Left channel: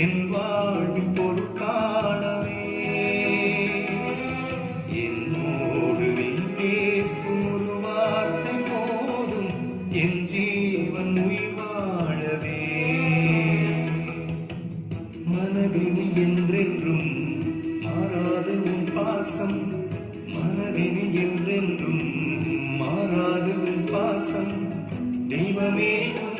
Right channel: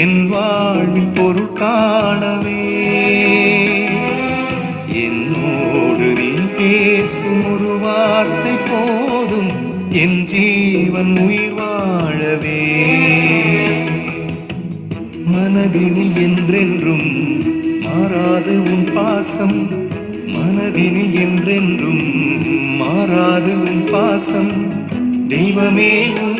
என் வாழ்வில் பொருள் காணவே என்னோடு நீ பேசும் ஒரு வார்த்தை போதும் என் ஜீவன் உயிர் வாழவே. மனதினில் என்றென்றும் மாறாது உன் பாசம், மனதினில் என்றென்றும் மாறாது உன் பாசம், தெய்வமே உன்